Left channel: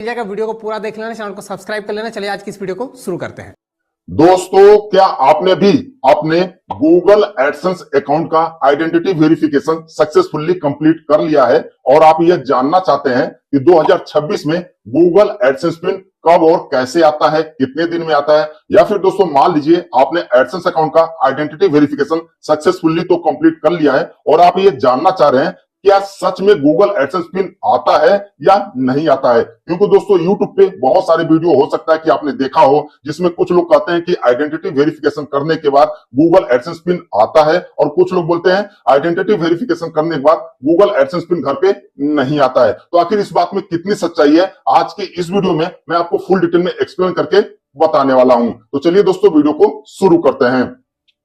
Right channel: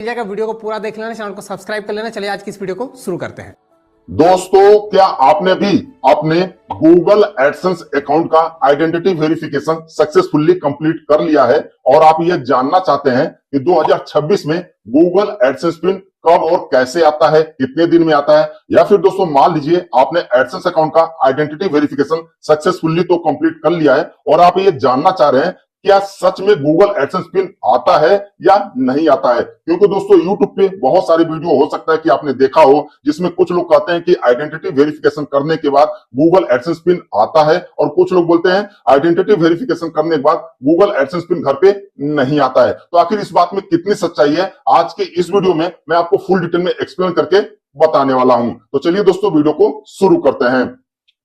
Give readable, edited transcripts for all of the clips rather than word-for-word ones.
जाएगा। वीडियो को पूरा देख लेना, चैनल को सब्सक्राइब कर लेना। चलिए आज की इस वीडियो को शुरू करते हैं। दोस्तों, क्या आपने भी अपने गूगल एडसेंस अकाउंट का आइडेंटिटी वेरिफिकेशन सक्सेसफुली कंप्लीट कर लिया है और आप यह जानना चाहते हैं कि 2026 में गूगल एडसेंस पिन कब और कैसे आता है, कितने दिन में आता है, या फिर दोस्तों मान लीजिए आपने एडसेंस अकाउंट का आइडेंटिटी वेरिफिकेशन सक्सेसफुली तो कंप्लीट कर लिया है और आप ये जानना चाह रहे हैं क्या सच में गूगल एडसेंस पिन आता है या नहीं आता है। क्योंकि दोस्तों यूट्यूब पे बहुत सारे वीडियो हो सकता है कि आपने देखा हो जिसमें कुछ लोग कहते हैं कि आइडेंटिटी वेरिफिकेशन करने के बाद गूगल एडसेंस पिन आता है और कुछ लोग बोलते हैं आइडेंटिटी वेरिफिकेशन करने के बाद गूगल एडसेंस पिन घर पे नहीं आता है। तो आखिर इस बात में कितनी सच्चाई है, आज के इस वीडियो में मैं आपको फुल डिटेल में एक्सप्लेन करके बताने वाला हूं। तो चलिए दोस्तों वीडियो को शुरू करते हैं।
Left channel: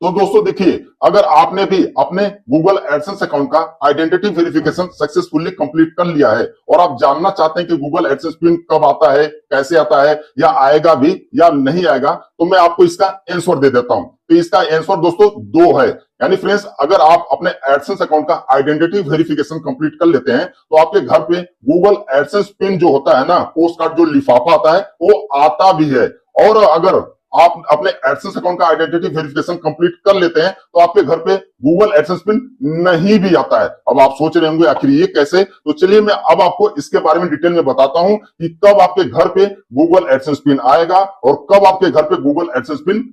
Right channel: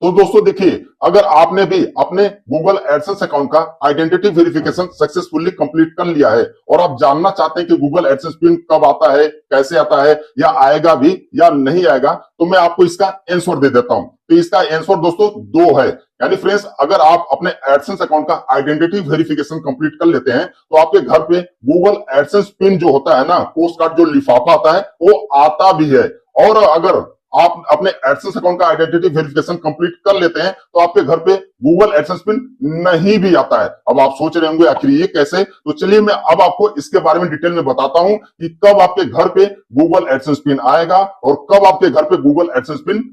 तो दोस्तों देखिए, अगर आपने भी अपने गूगल एडसेंस अकाउंट का आइडेंटिटी वेरिफिकेशन सक्सेसफुली कंप्लीट कर लिया है और आप जानना चाहते हैं कि गूगल एडसेंस पिन कब आता है, कैसे आता है, या आएगा भी या नहीं आएगा, तो मैं आपको इसका आंसर दे देता हूं। तो इसका आंसर दोस्तों दो है। यानी फ्रेंड्स, अगर आप अपने एडसेंस अकाउंट का आइडेंटिटी वेरिफिकेशन कंप्लीट कर लेते हैं तो आपके घर पे गूगल एडसेंस पिन जो होता है ना, पोस्ट कार्ड जो लिफाफा आता है, वो आता भी है। और अगर आप अपने एडसेंस अकाउंट का आइडेंटिटी वेरिफिकेशन कंप्लीट कर लेते हैं तो आपके घर पे गूगल एडसेंस पिन नहीं भी आता है। अब आप सोच रहे होंगे आखिर ये कैसे, तो चलिए मैं अब आपको इसके बारे में डिटेल में बताता हूं कि कब आपके घर पे गूगल एडसेंस पिन आएगा और कब आपके घर पे गूगल एडसेंस पिन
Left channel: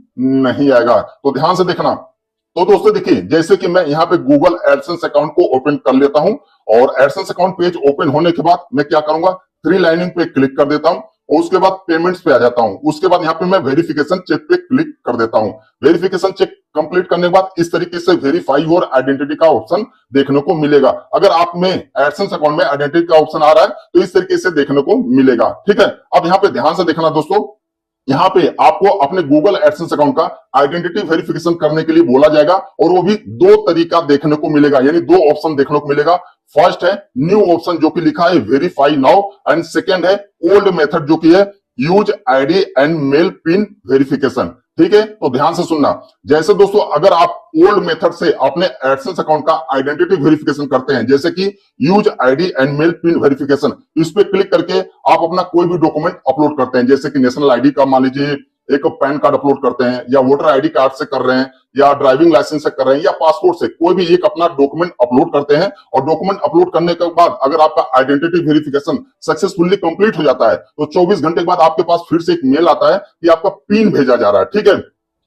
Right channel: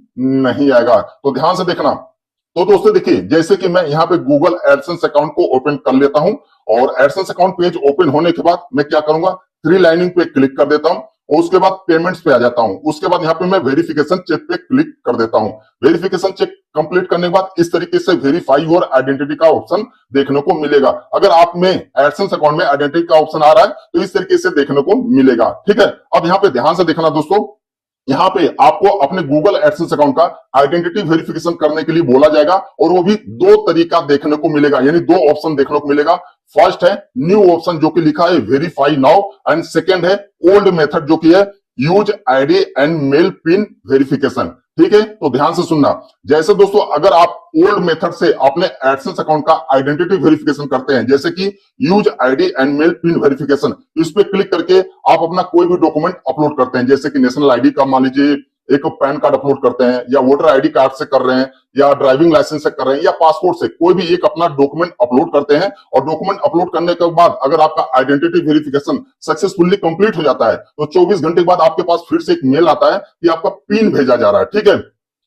नहीं आएगा। तो ध्यान से देखना। तो दोस्तों देखिए, जैसे कि मैं यहाँ पे गूगल एडसेंस अकाउंट को ओपन कर लेता हूं और एडसेंस अकाउंट पेज ओपन होने के बाद मैं क्या करूंगा, थ्री लाइनिंग पे क्लिक कर देता हूं और उसके बाद पेमेंट्स पे आ जाता हूं। उसके बाद यहाँ पे मैं वेरिफिकेशन चेक पे क्लिक कर देता हूं। वेरिफिकेशन चेक कंप्लीट करने के बाद इस तरीके से वेरीफाई योर आइडेंटिटी का ऑप्शन देखने को मिलेगा। अगर आप में एडसेंस अकाउंट में आइडेंटिटी का ऑप्शन आ रहा है तो इस तरीके से देखने को मिलेगा। ठीक है, अब यहाँ पे ध्यान से देखना दोस्तों, यहाँ पे आपको अपने गूगल एडसेंस अकाउंट का आइडेंटिटी वेरिफिकेशन करने के लिए बोला जाएगा और वो भी दो तरीका देखने को मिलेगा, यानी दो ऑप्शन देखने को मिलेगा। फर्स्ट है न्यू ऑप्शन जो कि लिखा है वेरीफाई नाउ, एंड सेकंड है ओल्ड मेथड जो कि है use ID and mail pin verification. ठीक है, तो ध्यान से सुनना। जैसे दोस्तों, अगर आप ओल्ड मेथड से अपने एडसेंस अकाउंट का आइडेंटिटी वेरिफिकेशन करते हैं, जैसे कि use ID and mail pin verification, इस पे क्लिक करके आप अपना कोई भी डॉक्यूमेंट अपलोड करते हैं, जैसे कि नेशनल आईडी का मान लीजिए एक पैन कार्ड अपलोड करते हैं, या वोटर आईडी कार्ड से कर रहे हैं, या ड्राइविंग लाइसेंस से कर रहे हैं, या पासपोर्ट से, कोई भी एक अपना डॉक्यूमेंट अपलोड करते हैं और डॉक्यूमेंट अपलोड करने के बाद अगर आपका आइडेंटिटी वेरिफिकेशन सक्सेसफुली कंप्लीट हो जाता है तो 24 घंटे के बाद आपके पास फिर से एक मेल आता है कि आपका पिन भेजा जा रहा है। ठीक है,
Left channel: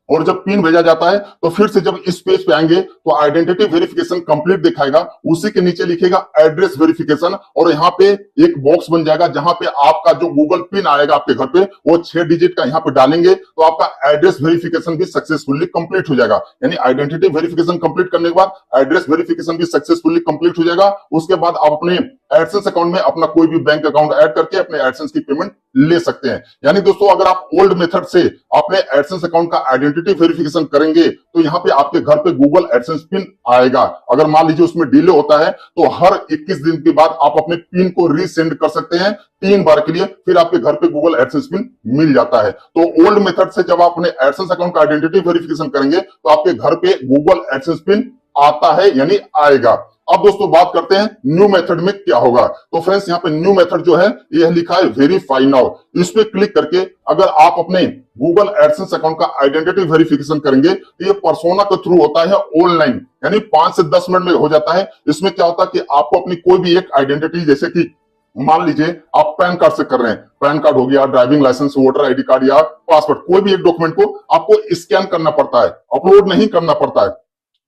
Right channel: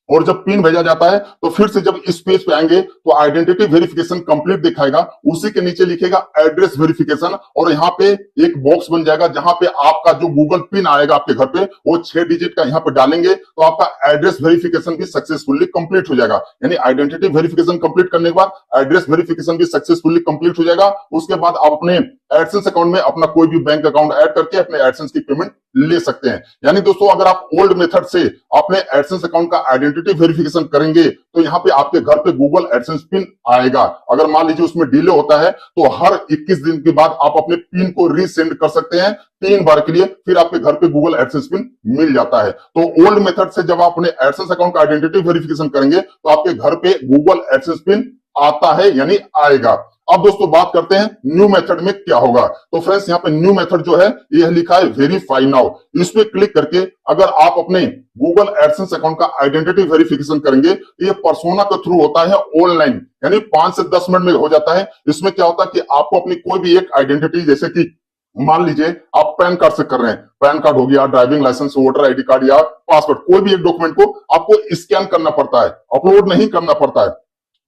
और जब पिन भेजा जाता है तो फिर से जब इस पेज पे आएंगे तो आइडेंटिटी वेरिफिकेशन कंप्लीट दिखाएगा, उसी के नीचे लिखेगा एड्रेस वेरिफिकेशन और यहाँ पे एक बॉक्स बन जाएगा जहां पे आपका जो गूगल पिन आएगा आपके घर पे वो 6 डिजिट का यहाँ पे डालेंगे तो आपका एड्रेस वेरिफिकेशन भी सक्सेसफुली कंप्लीट हो जाएगा। यानी आइडेंटिटी वेरिफिकेशन कंप्लीट करने के बाद एड्रेस वेरिफिकेशन भी सक्सेसफुली कंप्लीट हो जाएगा। उसके बाद आप अपने एडसेंस अकाउंट में अपना कोई भी बैंक अकाउंट ऐड करके अपने एडसेंस की पेमेंट ले सकते हैं। यानी दोस्तों, अगर आप ओल्ड मेथड से अपने एडसेंस अकाउंट का आइडेंटिटी वेरिफिकेशन करेंगे तो यहाँ पे आपके घर पे गूगल एडसेंस पिन आएगा। अगर मान लीजिए उसमें डिले होता है तो हर 21 दिन के बाद आप अपने पिन को रीसेंड कर सकते हैं 3 बार के लिए, फिर आपके घर पे गूगल एडसेंस पिन मिल जाता है। तो ओल्ड मेथड से जब आप अपने एडसेंस अकाउंट का आइडेंटिटी वेरिफिकेशन करेंगे तो आपके घर पे गूगल एडसेंस पिन आता है, यानी आएगा। अब दोस्तों बात करते हैं न्यू मेथड में क्या होगा। तो फ्रेंड्स, यहाँ पे न्यू मेथड जो है यह लिखा है वेरीफाई नाउ। इस पे क्लिक करके अगर आप अपने गूगल एडसेंस अकाउंट का आइडेंटिटी वेरिफिकेशन करेंगे तो ये पर्सोना के थ्रू होता है ऑनलाइन, यानी 5 से 10 मिनट में हो जाता है। इसमें क्या होता है कि आपको अपनी कोई भी एक आइडेंटिटी, जैसे कि मान लीजिए आप पैन कार्ड से कर रहे हैं, पैन कार्ड हो गया, driving licence, voter ID card या पासपोर्ट, कोई भी एक डॉक्यूमेंट को आपको स्कैन करना पड़ता है, अपलोड नहीं करना पड़ता है।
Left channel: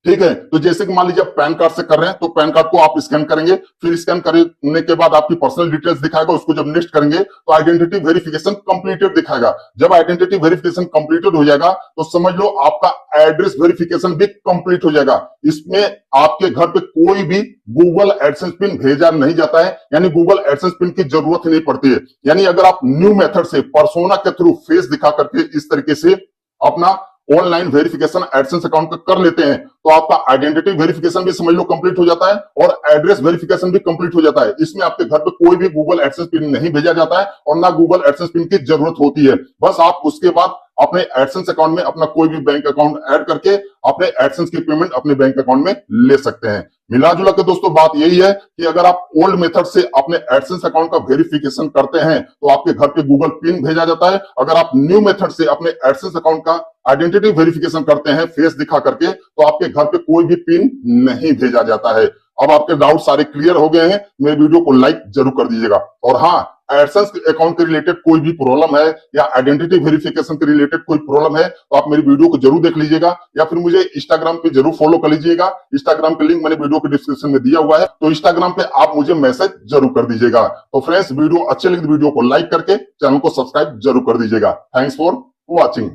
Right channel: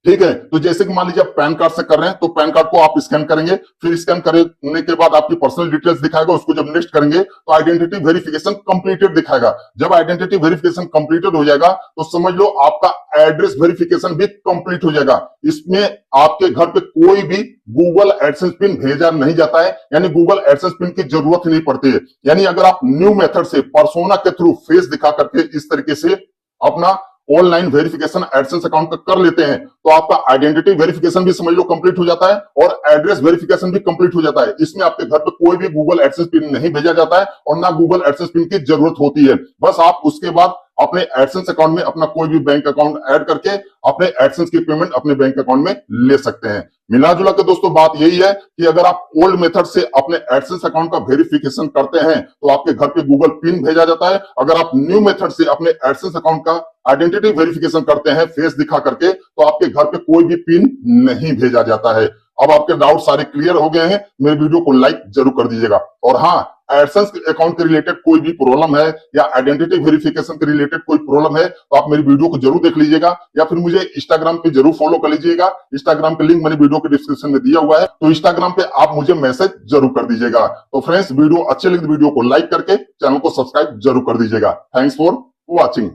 ठीक है, तो जैसे कि मान लीजिए आप पैन कार्ड से कर रहे हैं तो पैन कार्ड को आप स्कैन करेंगे, फिर स्कैन करने के बाद आपकी पर्सनल डिटेल्स दिखाएगा, उसको जब नेक्स्ट करेंगे तो आइडेंटिटी वेरिफिकेशन कंप्लीटेड दिखाएगा। जब आइडेंटिटी वेरिफिकेशन कंप्लीटेड हो जाएगा तो समझ लो आपका एड्रेस वेरिफिकेशन भी कंप्लीट हो जाएगा। इसमें आपके घर पे कोई भी गूगल एडसेंस पिन भेजा नहीं जाता है, यानी गूगल एडसेंस पिन की जरूरत नहीं पड़ती है। यानी अगर आप न्यू मेथड से पर्सोना के थ्रू फेस दिखा करके इस तरीके से अपना ऑनलाइन वेरिफिकेशन एडसेंस अकाउंट का कर लेते हैं तो आपका आइडेंटिटी वेरिफिकेशन भी समझ लो कंप्लीट हो जाता है और एड्रेस वेरिफिकेशन भी कंप्लीट हो जाता है। इसमें आपके घर पे कोई भी गूगल एडसेंस पिन नहीं भेजा जाता है और ना गूगल एडसेंस पिन की जरूरत होती है। बस आप उसके बाद अपने एडसेंस अकाउंट में अपना कोई भी बैंक अकाउंट ऐड करके अपने एडसेंस की पेमेंट अपने बैंक अकाउंट में ले सकते हैं। मिला जुला के दोस्तों बात यही है कि अगर आप ओल्ड मेथड से अपने एडसेंस अकाउंट का वेरिफिकेशन करते हैं तो आपके घर पे गूगल पिन भेजा जाता है। अगर आप न्यू मेथड से अपने एडसेंस अकाउंट का आइडेंटिटी वेरिफिकेशन करते हैं फेस दिखा करके तो आपके घर पे कोई भी पिन नहीं भेजा जाता है। अब आपके डाउट सारे क्लियर हो गए हैं। मेरे वीडियो को लाइक जरूर कर दीजिएगा। और हाँ, एडसेंस अकाउंट के रिलेटेड कोई भी प्रॉब्लम है या आइडेंटिटी वेरिफिकेशन के रिलेटेड कोई प्रॉब्लम है तो आप मेरी वीडियो को जरूर देख लीजिएगा या फिर मुझे इंस्टाग्राम पे जरूर फॉलो कर लीजिएगा। इंस्टाग्राम का लिंक मैंने वीडियो के डिस्क्रिप्शन में दिया हुआ है, तो इंस्टाग्राम पे आप मुझे मैसेज जरूर कर दीजिएगा। तो फ्रेंड्स, वीडियो अच्छी लगी तो वीडियो को लाइक करके चैनल को सब्सक्राइब जरूर कर दीजिएगा। Thanks for watching.